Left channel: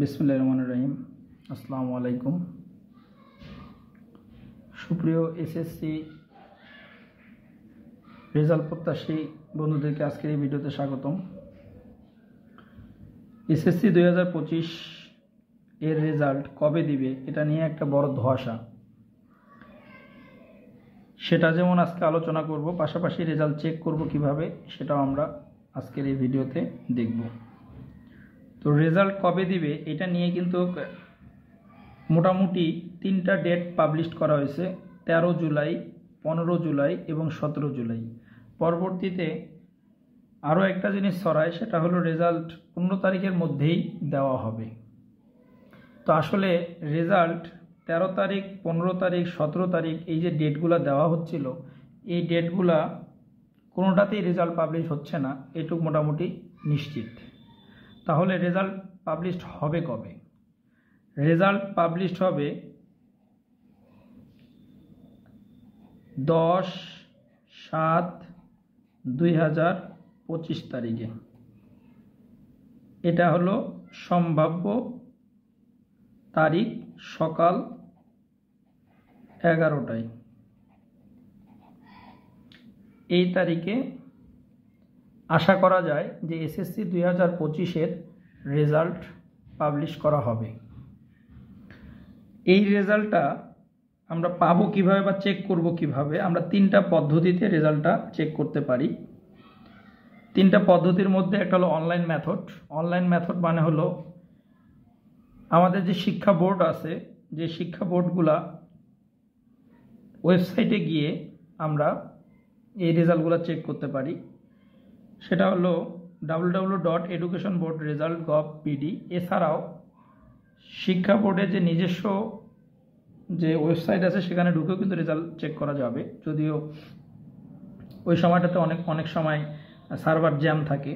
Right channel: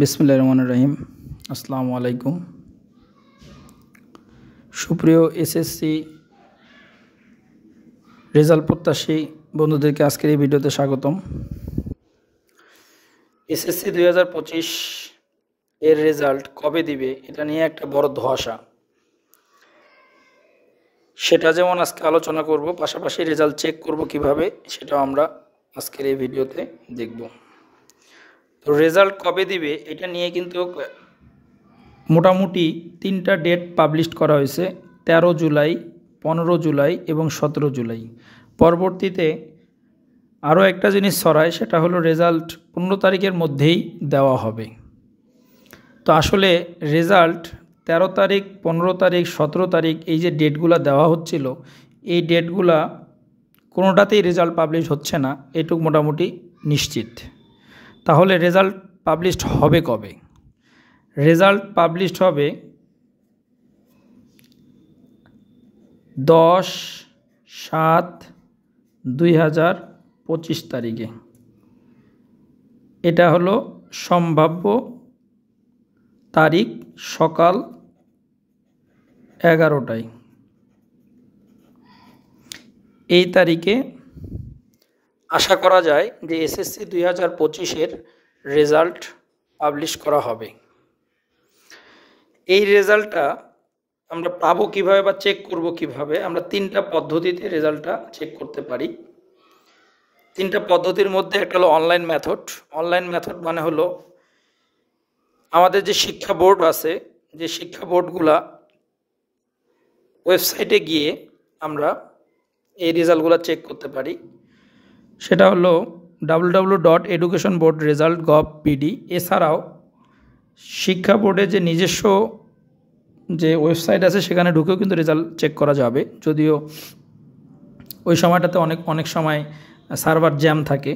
বিসমিল্লাহির রহমানির রহিম। আসসালামু আলাইকুম। সুপ্রিয় এসএসসি রেজাল্ট প্রত্যাশী বন্ধুদেরকে আজকের এই ভিডিওতে স্বাগতম। এসএসসি 2025 এর রেজাল্ট কবে দিবে এটা নিয়ে একটা বড় ধোঁয়াশা, সেটা যেমন আজকে আলোচনা করব, পাশাপাশি রেজাল্ট চেক করব কিভাবে সেটাও আমরা আজকের এই ভিডিওতে দেখব। তো রেজাল্ট কবে দিবে এটা নিয়ে কিন্তু মোটামুটি 3টা ডেট পাবলিশ করা হয়েছে, 13 জুলাই, 15 জুলাই এবং 17 জুলাই। পরবর্তীতে আরও একটা জিনিস ছড়ায়, সেটা হলো রেজাল্ট 15 তারিখের মধ্যেই দেওয়া হবে। তো আসলে রেজাল্ট 13 তারিখ, 15 তারিখ, 17 তারিখ এই যে ডেটগুলো দেওয়া হচ্ছিল, এই ডেটগুলা কোনোটাতেই রেজাল্ট পাবলিশ হচ্ছে না, এটুকু মোটামুটি নিশ্চিত। তাহলে রেজাল্ট পাবলিশড হবে কবে? রেজাল্ট পাবলিশড হবে 10/7/2025 তারিখে। এটা হলো সম্ভাব্য তারিখ, সকাল 11টায়। এই তারিখে আশা করা যায় যে এসএসসি 2025-এর রেজাল্ট পাবলিশ করা হবে। এই রেজাল্টটা আমরা পাবো কিভাবে বা চেক করব কিভাবে? আমরা 3টা পদ্ধতিতে রেজাল্টটা চেক করতে পারি। 3টা পদ্ধতির মধ্যে একটা হলো অনলাইন মেথড। অনলাইন মেথড মানে হলো আমাদের যে শিক্ষা বোর্ড আছে, যে শিক্ষা বোর্ডগুলা ওয়েবসাইটে গিয়ে আমরা এই রেজাল্টগুলো চেক করতে পারি। সেটা হলো www.educationboardresult.gov.pd। এছাড়াও শিক্ষা বোর্ডের যে নিজস্ব যে ওয়েবসাইট আছে সেখানে ঢুকেও কিন্তু রেজাল্ট চেক করা যাবে, যদিও ওই সময়টাতে অনেক সময় সার্ভার জ্যাম থাকে।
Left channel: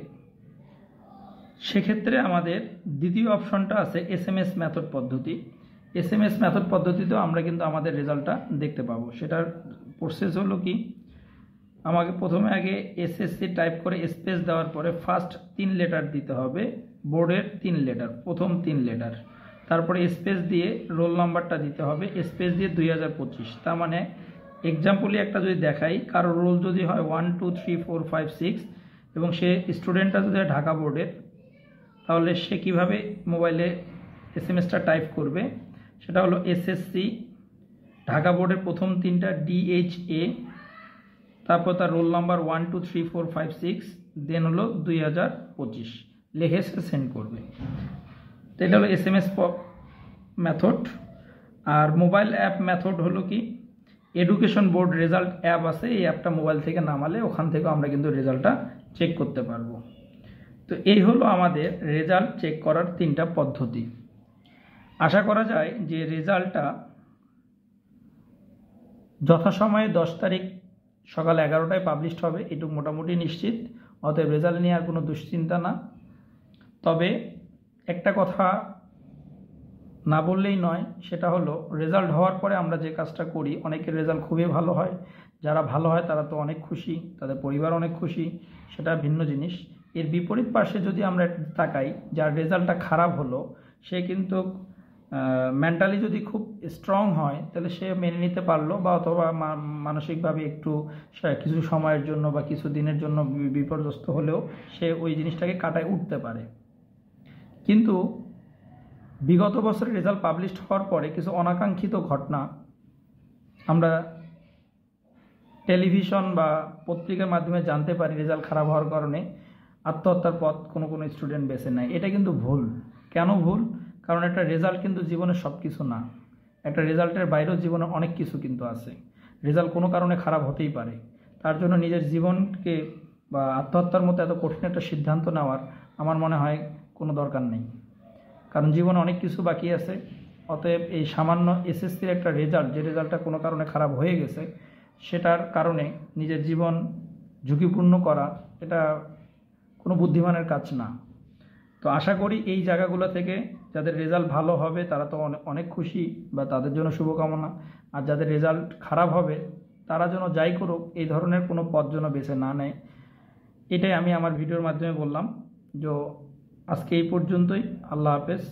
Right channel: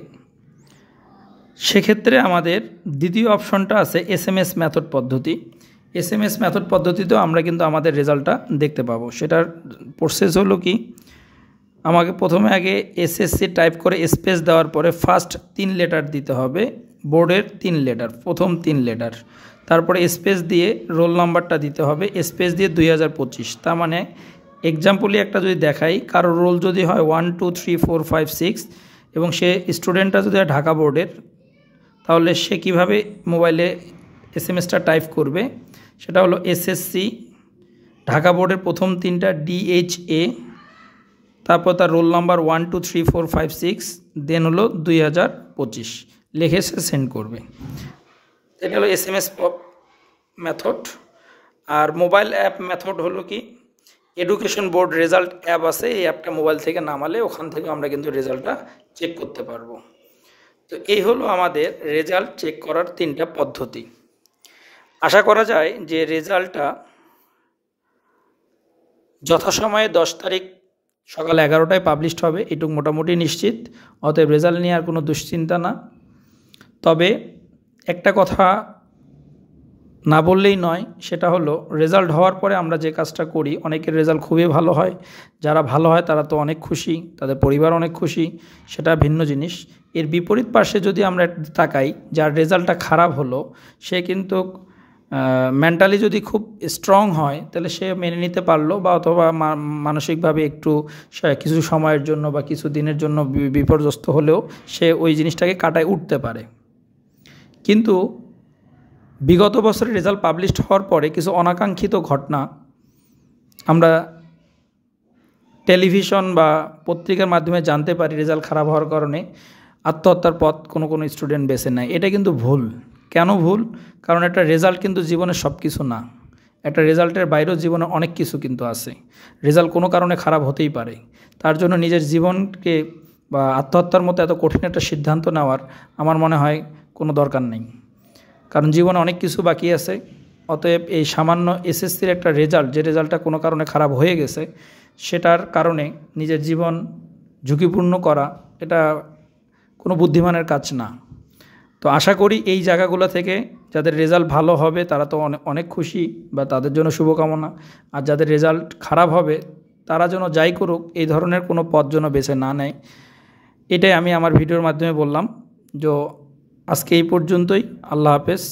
সেক্ষেত্রে আমাদের দ্বিতীয় অপশনটা আছে SMS মেথড পদ্ধতি। SMS মেথড পদ্ধতিতেও আমরা কিন্তু আমাদের রেজাল্টটা দেখতে পাবো। সেটার প্রসেস হলো কি, আমাকে প্রথমে আগে এসএসসি টাইপ করে স্পেস দেওয়ার পরে ফার্স্ট 3 লেটার দিতে হবে, বোর্ডের 3 লেটার, প্রথম 3 লেটার। তারপরে স্পেস দিয়ে রোল নাম্বারটা দিতে হবে, স্পেস দিয়ে 2025। তার মানে এক্সাম্পলি একটা যদি দেখাই, কারো রোল যদি হয় 1 2 3 4 5 6 এবং সে স্টুডেন্টটা যদি হয় ঢাকা বোর্ডের, তাহলে সে কীভাবে মোবাইলে SMS-টা টাইপ করবে? সেটা হলো এসএসসি ঢাকা বোর্ডের প্রথম 3টা DHA, তারপর তার রোল নাম্বার 1 2 3 4 5 6, দেন হলো 2025 লিখে সে সেন্ড করবে। তো এটা হলো SMS মেথড। আর মোবাইল অ্যাপ মেথড হলো কি, এডুকেশন বোর্ড রেজাল্ট অ্যাপ আছে, এই অ্যাপটা মোবাইল থেকে নামালে ওখান থেকে আমরা কিন্তু রেজাল্টটা চেক করতে পারবো। তো এই হলো আমাদের রেজাল্ট চেক করার 3টা পদ্ধতি। আশা করা যায় যে রেজাল্টটা যথাসময়ে 10 তারিখ সকাল 11টায় পাবলিশড হবে, এটুকু মোটামুটি নিশ্চিত। অতএব রেজাল্ট নিয়ে আর কোনো দুশ্চিন্তা না। তবে একটা কথা না বললেই নয়, সেটা হলো রেজাল্ট হওয়ার পরে আমরা যে কাজটা করি, অনেকের রেজাল্ট খুবই ভালো হয়। যারা ভালো হয় তারা তো অনেক খুশি, তাদের পরিবার অনেক খুশি, সেটা ভিন্ন জিনিস। এর বিপরীত পাশে যদি আমরা তাকাই, যার রেজাল্টটা খারাপ হলো, সে কিন্তু মেন্টালি যদি খুব স্ট্রং হয় তাহলে সে মেনে নিতে পারলো, বা অথবা মানসিকভাবে একটু কিছু সময়ের জন্য বা কিছু দিনের জন্য বিপর্যস্ত হলেও সে ওই জিনিসটাকে কাটায় উঠতে পারে। কিন্তু বিগত বছরের রেজাল্ট পাবলিশড হওয়ার পরে কিছু অনাকাঙ্ক্ষিত ঘটনা আমরা টেলিভিশন বা পত্রিকার মাধ্যমে জানতে পারি। রেজাল্ট খারাপ হওয়ার কারণে আত্মহত্যার পথ কোনো স্টুডেন্ট বেছে নেয়। এটা কিন্তু ভুল। কেন ভুল? কারণ একটা রেজাল্ট কিন্তু জীবনের সব কিছু না। একটা রেজাল্টের বাইরেও জীবনে অনেক কিছু কিন্তু আছে। রেজাল্ট কোনো কারণে খারাপ হতেই পারে। তার জন্য নিজের জীবনকে বা আত্মহত্যার মতো এত কঠিন একটা সিদ্ধান্ত নেওয়ার আমার মনে হয় কোনো দরকার নেই, কারণ জীবনে অনেক কিছু বাকি আছে। অতএব এই সামান্য এসএসসির একটা রেজাল্ট, যে রেজাল্টটা কোনো কারণে খারাপ হয়ে গেছে, সেটার কারণে নিজের জীবন ঝুঁকিপূর্ণ করা এটা কোনো বুদ্ধিমানের কাজ না। তো আশা করি এই জায়গাগুলো থেকে যাদের রেজাল্ট ভালো হবে তারা তো অনেক খুশি, বা তাদের জন্য শুভকামনা। আর যাদের রেজাল্ট খারাপ হবে তারা যেন যাই করুক এই ধরনের কোনো পথ যেন বেছে না নেয়, এটাই আমি আমার ভিডিওর মাধ্যমে বললাম। আজকে এই পর্যন্তই। আল্লাহ হাফেজ।